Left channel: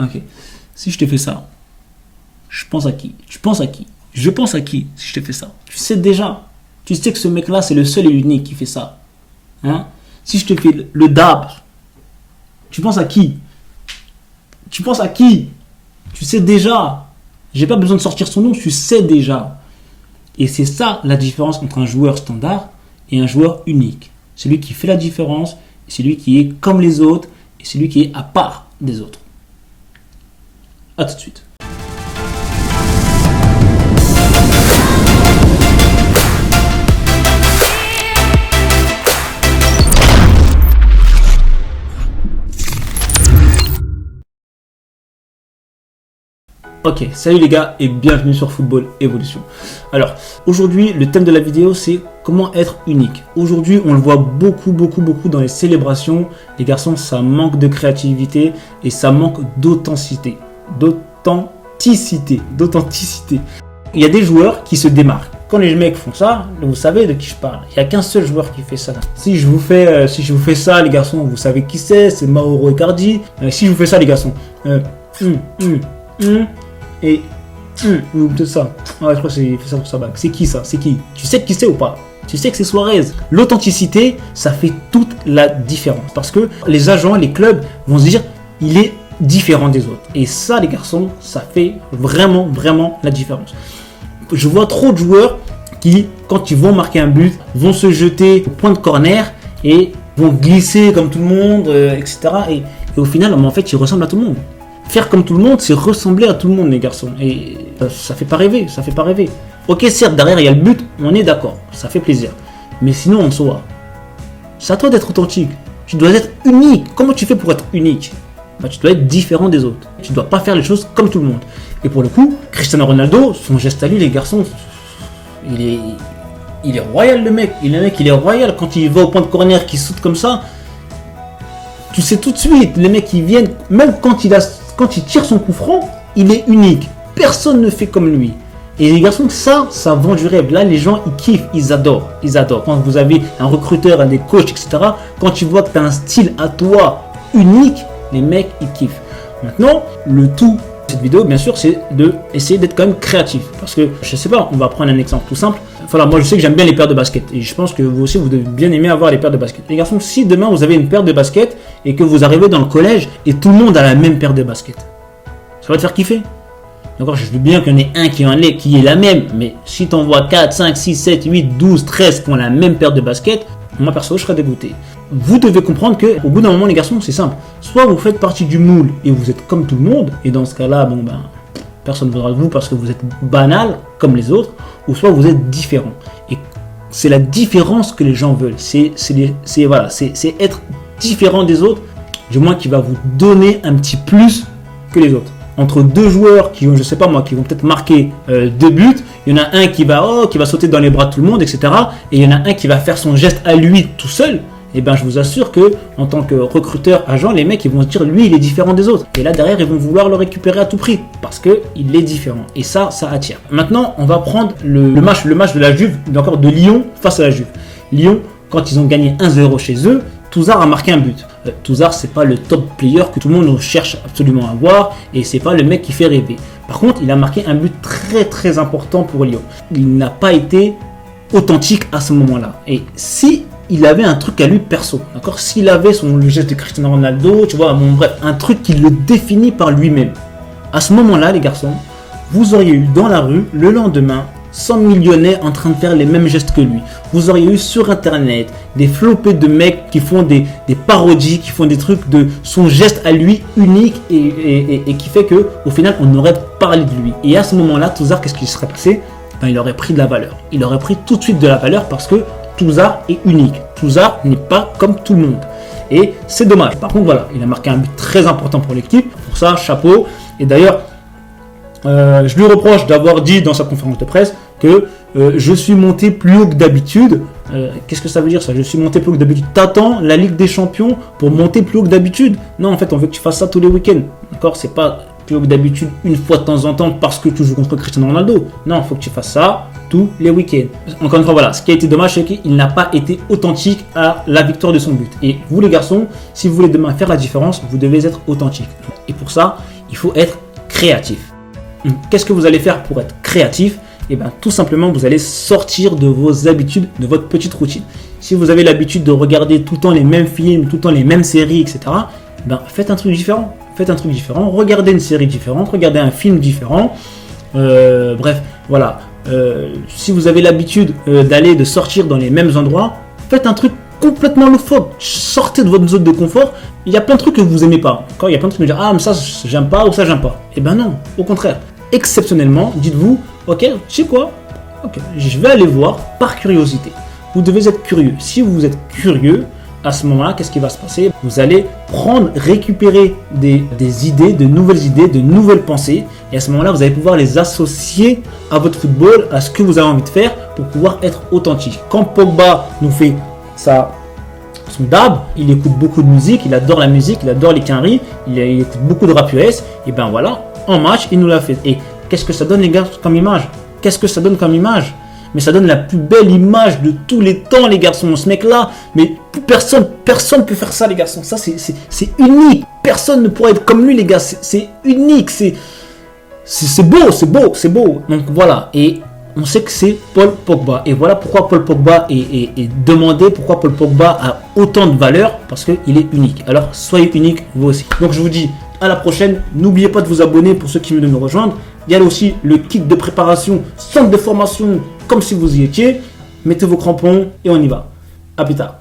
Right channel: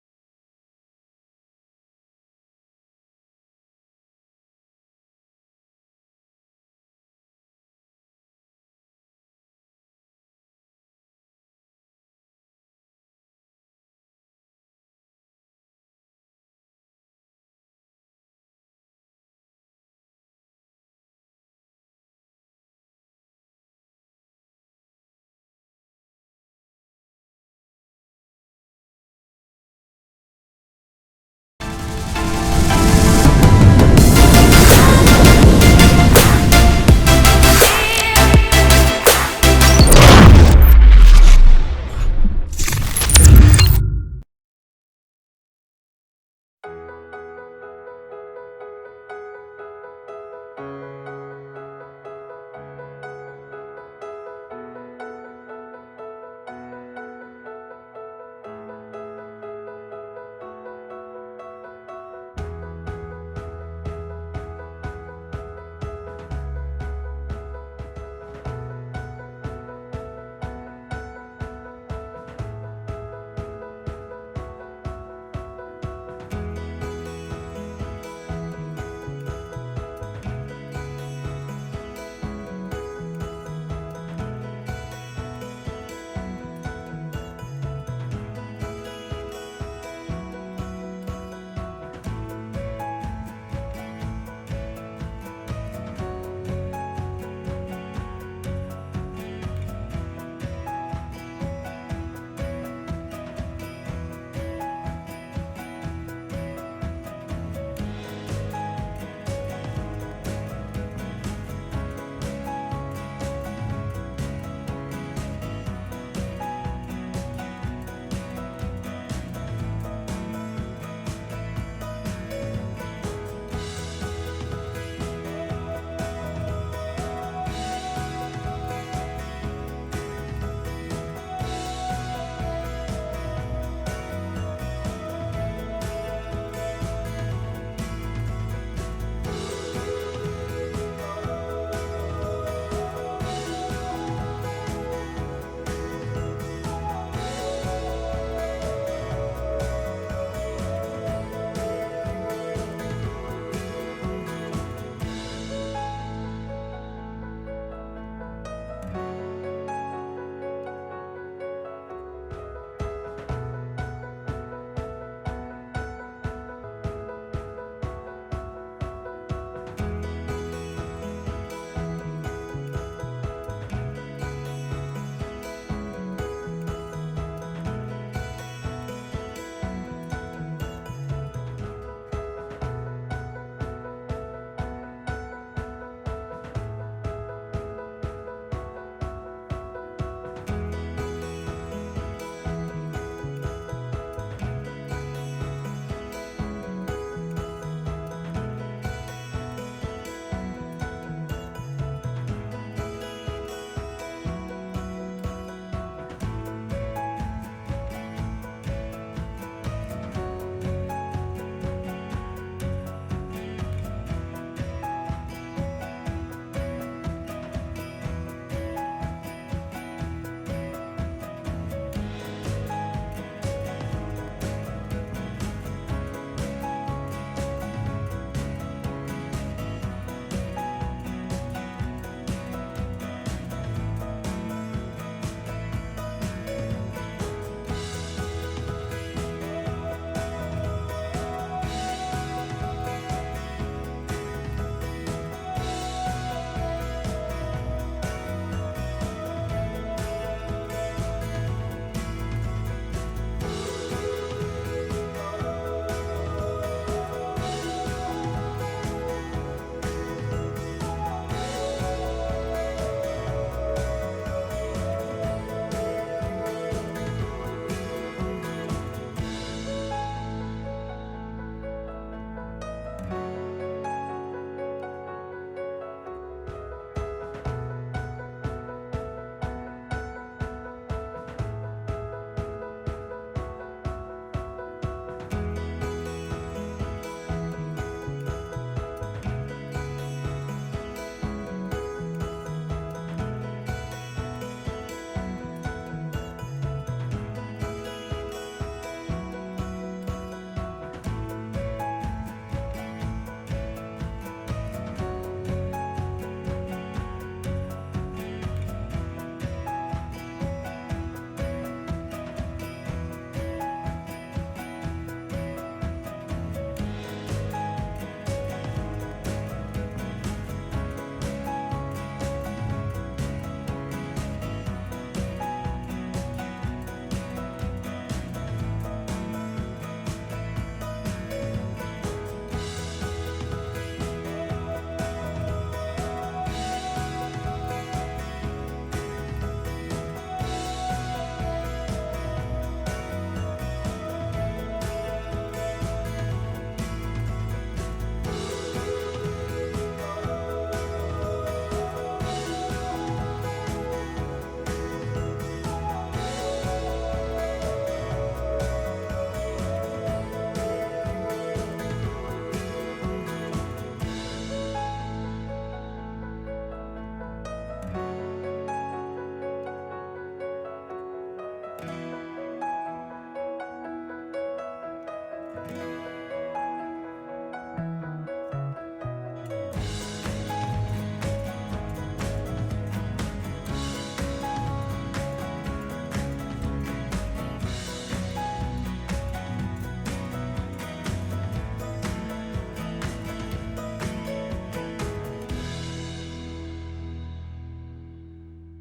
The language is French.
Ok. Si je te fais ça, je pense à qui? Tu penses à qui? Je pense à qui si je te fais ça? Tu sais déjà. Tu sais que ce mec-là, c'est le seul et l'unique qui fait ça. Hein? Si je te fais le dab, tu penses à qui? Tu penses à qui? Tu sais déjà. J'ai pas besoin de sortir son nom, tu sais déjà. Et c'est ça la différence entre un joueur standard et un joueur unique. Celui qui fait la différence, celui qui est comme les autres et celui qui est à part des autres. A tout de suite. Ok, salut les gars et bienvenue sur Football Evolution. Alors, aujourd'hui, le thème de la vidéo, c'est comment être unique. Aujourd'hui, on le voit beaucoup dans les célébrations. Les garçons, ça manque de créativité et ça manque d'authenticité. D'authenticité. Il y a des joueurs qui se démarquent. Quand les mecs font ça, vous savez de qui je parle. Il n'y a qu'un seul joueur qui fait ça. Si je vous fais ça, les garçons, vous savez qui c'est Mauro Icardi. Si je vous fais ça, les garçons, et tout ça. Ouais, je crois que c'est fait ça pour sa bague. C'est qui ça? C'est qui? Tu sais qui c'est ou pas? Tu sais que c'est Suarez. L'authenticité, ça fait toute la différence. Parce que les agents, les clubs vont se dire, il est différent des autres. Et ça, les garçons, ça fait vraiment la différence. Je vois trop de joueurs qui, quand ils vont marquer un but, vont se jeter au point de corner et vont glisser comme tout le monde, etc. Et au final, en fait, ils ressemblent à tout le monde. Faire comme tout le monde, c'est ressembler à tout le monde, les garçons. Et ça fait pas rêver, Ok, certes, derrière, il y a le but, on est d'accord, ça fait plaisir. Mais sinon, en soi, c'est à toi d'être authentique. Tu dois être unique. Comment tu fais pour être unique? Tu dois être différent des autres. Tu dois pas faire les choses comme tout le monde. Et pour le coup, Cristiano Ronaldo, son geste à lui, les garçons, il est royal, le mec. Il est royal. Quand il va au point de corner, qu'il saute comme ça, tu sais tout de suite, les mecs, ils viennent, même quand il tire son coup franc, il est unique. Personne ne fait comme lui. Et les garçons, ça vend du rêve. Là, les gens, ils kiffent, ils adorent. Quand vous avez un recruteur, des coachs, etc., quand tu vois que tu as un style à toi unique, les mecs, ils kiffent. Maintenant, le tout de cette vidéo, bien sûr, c'est d'essayer d'être quand même créatif. Parce que, je sais pas, on va prendre un exemple tout simple. Voilà, moi je sais que j'aime bien les paires de baskets et je pense que vous aussi vous devez bien aimer avoir les paires de baskets. Les garçons, si demain vous avez une paire de baskets et que vous arrivez dans le collège et tout le monde a la même paire de baskets, ça va te faire kiffer. D'accord, je veux bien qu'il y en ait un qui est la même, mais si tu en vois 4, 5, 6, 7, 8, 12, 13 qui ont la même paire de baskets, moi perso je serais dégoûté. Vous devez comprendre qu'au bout d'un moment les garçons c'est simple, soit vous faites partie du moule et vous êtes comme tout le monde et dans ce cas là personne ne voudra de vous parce que vous êtes banal comme les autres, ou soit vous êtes différent. Et c'est la différence que les gens veulent. C'est être différent des autres, du moins qui va vous donner un petit plus que les autres. Entre deux joueurs qui vont, je sais pas moi, qui vont peut-être marquer 2 buts, il y en a un qui va sauter dans les bras de tout le monde, etc. Et il y en a un qui va faire son geste à lui tout seul. Et je vous assure que en tant que recruteur, agent, les mecs ils vont se dire lui il est différent des autres. Et là derrière ils vont vouloir le récupérer à tout prix parce que il est différent. Et ça attire. Maintenant on va prendre le match de la Juve, encore de Lyon face à la Juve. Lyon, quand ils ont gagné 1-0 chez eux, Touzard a marqué un but. Touzard c'est pas le top player que tout le monde cherche absolument à voir et c'est pas le mec qui fait rêver. Par contre il a marqué un but très important pour Lyon. Il n'a pas été authentique à ce moment-là. Et si il avait un truc à lui perso, d'accord, s'il avait le geste de Cristiano Ronaldo, tu vois, bref, un truc qui le définit par lui-même. À ce moment-là, les garçons, vous auriez eu dans la rue, le lendemain, 100 millionnaires en train de faire les mêmes gestes que lui. Vous auriez eu sur internet des flopées de mecs qui font des parodies, qui font des trucs de son geste à lui unique et qui fait que au final on aurait parlé de lui. Et à ce moment-là, Touzard, qu'est-ce qui serait passé? Il aurait pris de la valeur. Il aurait pris tout de suite de la valeur parce que Touzard est unique. Touzard n'est pas comme tout le monde. Et c'est dommage. Par contre, voilà, il a marqué un but très important pour l'équipe. Pour ça, chapeau. Et d'ailleurs, je lui reproche d'avoir dit dans sa conférence de presse que je suis monté plus haut que d'habitude. Qu'est-ce que ça veut dire ça? Je suis monté plus haut que d'habitude. T'attends la Ligue des Champions pour monter plus haut que d'habitude? Non, en fait, on veut que tu fasses ça tous les week-ends. D'accord? C'est pas plus haut que d'habitude une fois de temps en temps parce que tu joues contre Cristiano Ronaldo. Non, il faut que tu fasses ça tous les week-ends. Encore une fois, voilà, ce qui a été dommage, c'est qu'il n'a pas été authentique à la victoire de son but. Et vous les garçons, si vous voulez demain faire la différence, vous devez être authentique. Et pour ça, il faut être créatif. Qu'est-ce que vous allez faire pour être créatif? Et bien tout simplement, vous allez sortir de vos habitudes, de votre petite routine. Si vous avez l'habitude de regarder tout le temps les mêmes films, tout le temps les mêmes séries, etc., ben, faites un truc différent. Faites un truc différent, regardez une série différente, regardez un film différent. Bref, voilà. Si vous avez l'habitude de sortir dans les mêmes endroits, faites un truc complètement loufoque. Sortez de votre zone de confort. Il y a plein de trucs que vous aimez pas. Quand il y a plein de trucs que vous dites, ah mais ça j'aime pas ou ça j'aime pas. Eh ben non, au contraire. Exceptionnellement, dites-vous, ok, je sais quoi, ok, je vais aller voir par curiosité. Vous devez être curieux. Si vous êtes curieux, à ce moment-là, qu'est-ce qui va se passer? Vous allez récupérer des idées, de nouvelles pensées. Et à ce moment-là, vous allez pouvoir les associer à votre football, à ce que vous avez envie de faire pour pouvoir être authentique. Quand Pogba nous fait son dab, il écoute beaucoup de musique, il adore la musique, il adore les quinries, il écoute beaucoup de rap US. Et ben voilà, en match, il nous l'a fait. Et qu'est-ce que ça donne, les gars, comme image? Qu'est-ce que ça donne comme image? Mais ça donne la plus belle image de tous les temps, les garçons. Ce mec-là, mais personne ne peut faire ça, les garçons. Ça, c'est unique. Personne ne pourra être comme lui, les gars. C'est unique. C'est beau. Donc voilà. Et on sait que c'est Paul Pogba. Et voilà pourquoi Paul Pogba est demandé, pourquoi Paul Pogba a autant de valeur, parce qu'il est unique. Alors, soyez unique, vous aussi. Donc, je vous dis à la prochaine. N'oubliez pas de vous abonner pour ceux qui veulent nous rejoindre. Il y a aussi le kit de préparation, centre de formation, comme si vous y étiez. Mettez vos crampons et on y va. À plus tard.